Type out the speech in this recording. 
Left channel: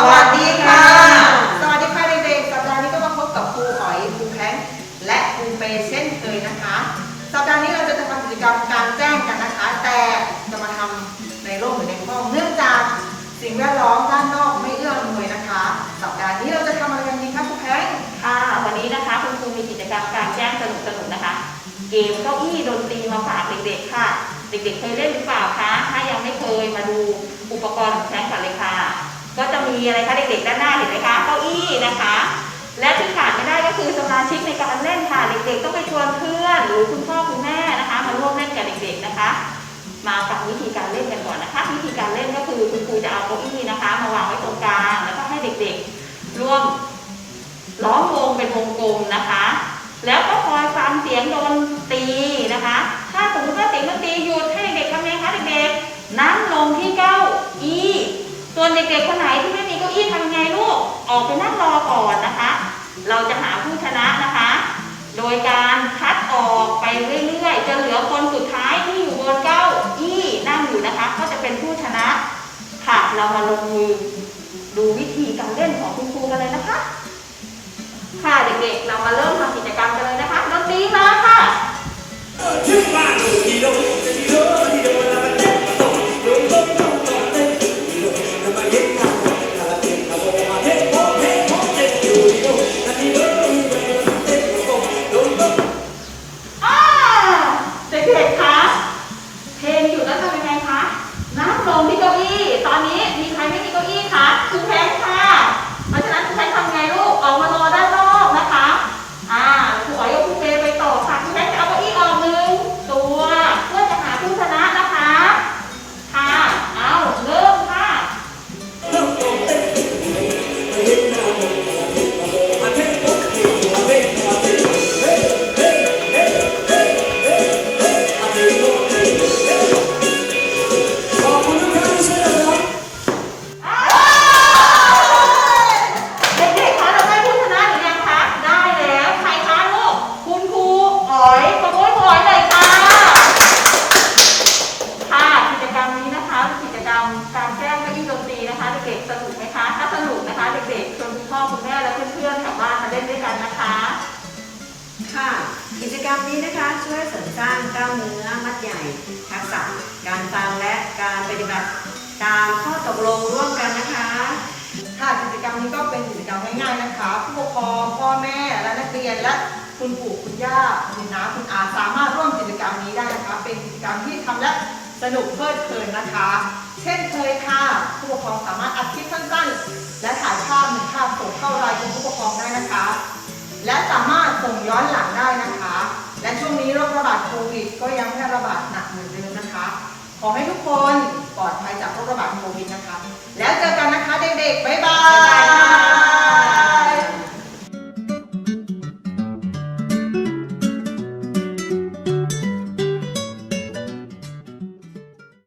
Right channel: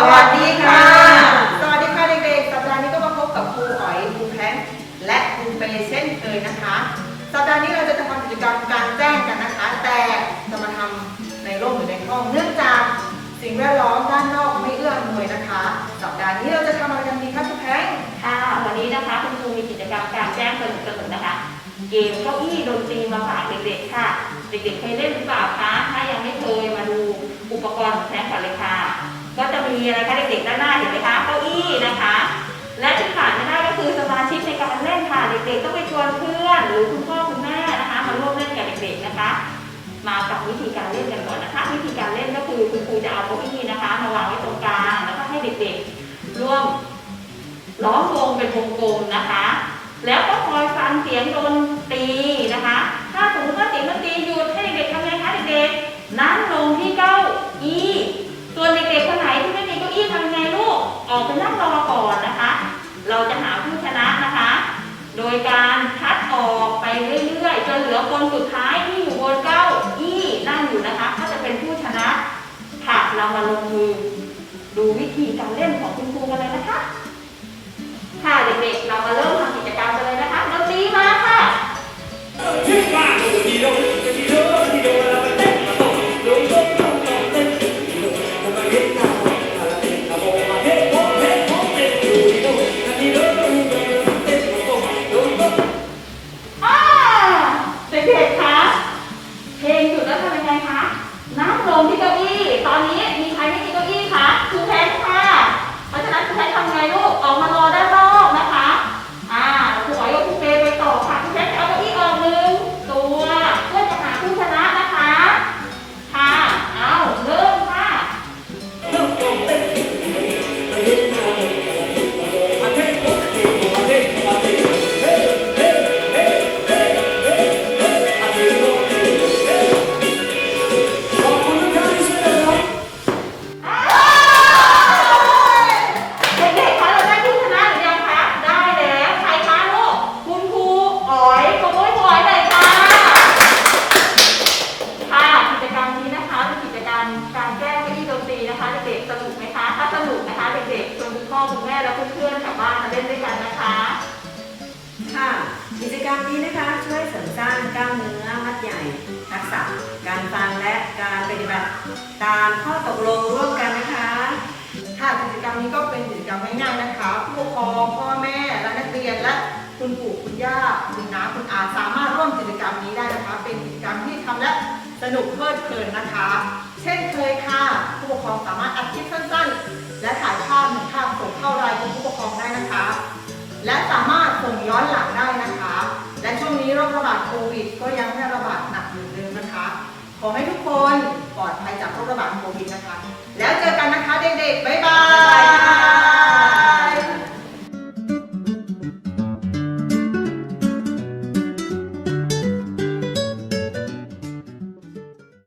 สวัสดีค่ะ สวัสดีค่ะเด็กๆ สัปดาห์นี้ก็มาพบกับครูอ๋อยครูแพงและครูเปย์เช่นเคยนะคะ สัปดาห์นี้เราจะทำกิจกรรมกลารแจ้งกันนะคะ แต่จะมาทำในร่มหรือในห้อง เนื่องจากสิ่งแวดล้อมด้านนอกไม่เอื้ออำนวยนะคะ สัปดาห์นี้เราจะทำอะไรกันดีคะครูแพงค่ะ วันนี้นะคะคุณครูมีกิจกรรมการแจ้งสนุกสนุกๆนะคะ เกมเก้าอี้ดนตรีมาฝากเด็กๆค่ะ เด็กๆเคยเล่นหรือเปล่าคะ ถ้ายังไม่เคยมาดูอุปกรณ์ของแจ้งก่อนเลยค่ะ ก็จะมีอะไรคะเด็กๆด้านหน้าเห็นไหมคะเก้าอี้นะคะ และที่ขาดไม่ได้ก็คือสมาชิกในการเล่นค่ะ เด็กๆต้องไปชวนเพื่อนหรือคุณพ่อคุณแม่นะคะ มาร่วมเล่นกับเด็กๆนะคะ มาฟังวิธีการเล่นกันก่อนนะคะ วิธีการเล่นก็คือคุณครูจะเอาเก้าอี้นะคะ มาวางไว้ตรงกลางแล้วก็ให้เด็กๆร่วมล้อมวงเป็นวงกลมนะคะ แล้วก็คอยฟังเสียงดนตีนะคะ ถ้าสมมติว่าเสียงดนตรีหยุดให้เด็กๆทำไงคะเด็กๆนั่งลงที่เก้า ส่วนเด็กๆคนไหนที่ไม่มีเก้าอี้ทำไงลูก ออกไปนั่งรอก่อนนะคะ เราจะหาผู้ชนะนะคะ โดยการคัดออกไปเรื่อยๆจนเหลือคนสุดท้ายที่อยู่บนเก้าอี้นั่งอยู่นะคะ ก็จะเป็นผู้ชนะค่ะเรามาลงมือดูวิธีการเล่นของคุณครูกันเลยนะคะ ค่ะเด็กๆ เรามาเริ่มทำกิจกรรมกันเลยนะคะดนตรีมาค่ะอ่ อคุณแม่และเพื่อนๆกลับบ้านมาเล่นด้วยกันนะคะ ค่ะ กิจกรรมนี้นะคะช่วยเสริมสร้างกล้ามเนื้อมัดใหญ่ ทักษะการฟังและการปฏิบัติตามข้อตกลงร่วมกันนะคะ ค่ะกิจกรรมนี้ก็เป็นกิจกรรมง่ายๆนะคะ ผู้ปกครองพ่อแม่และนักเรียนและคุณปู่คุณย่าคุณน้าคุณอาสามารถร่วมกิจกรรมนี้ได้นะคะ เป็นกิจกรรมที่ทำและสนุกเพลิดเพลินนะคะ เช่นเคยค่ะ ผู้ปกครองสามารถ และสามารถส่งย้อนหลังได้นะคะ และช่วงนี้โรคระบาดโควิด ก็ยังแพร่ระบาดหนักเหมือนเดิมนะคะ ขอให้ทุกคนปลอดภัยจากโรคระบาดโควิดนะคะ แล้ว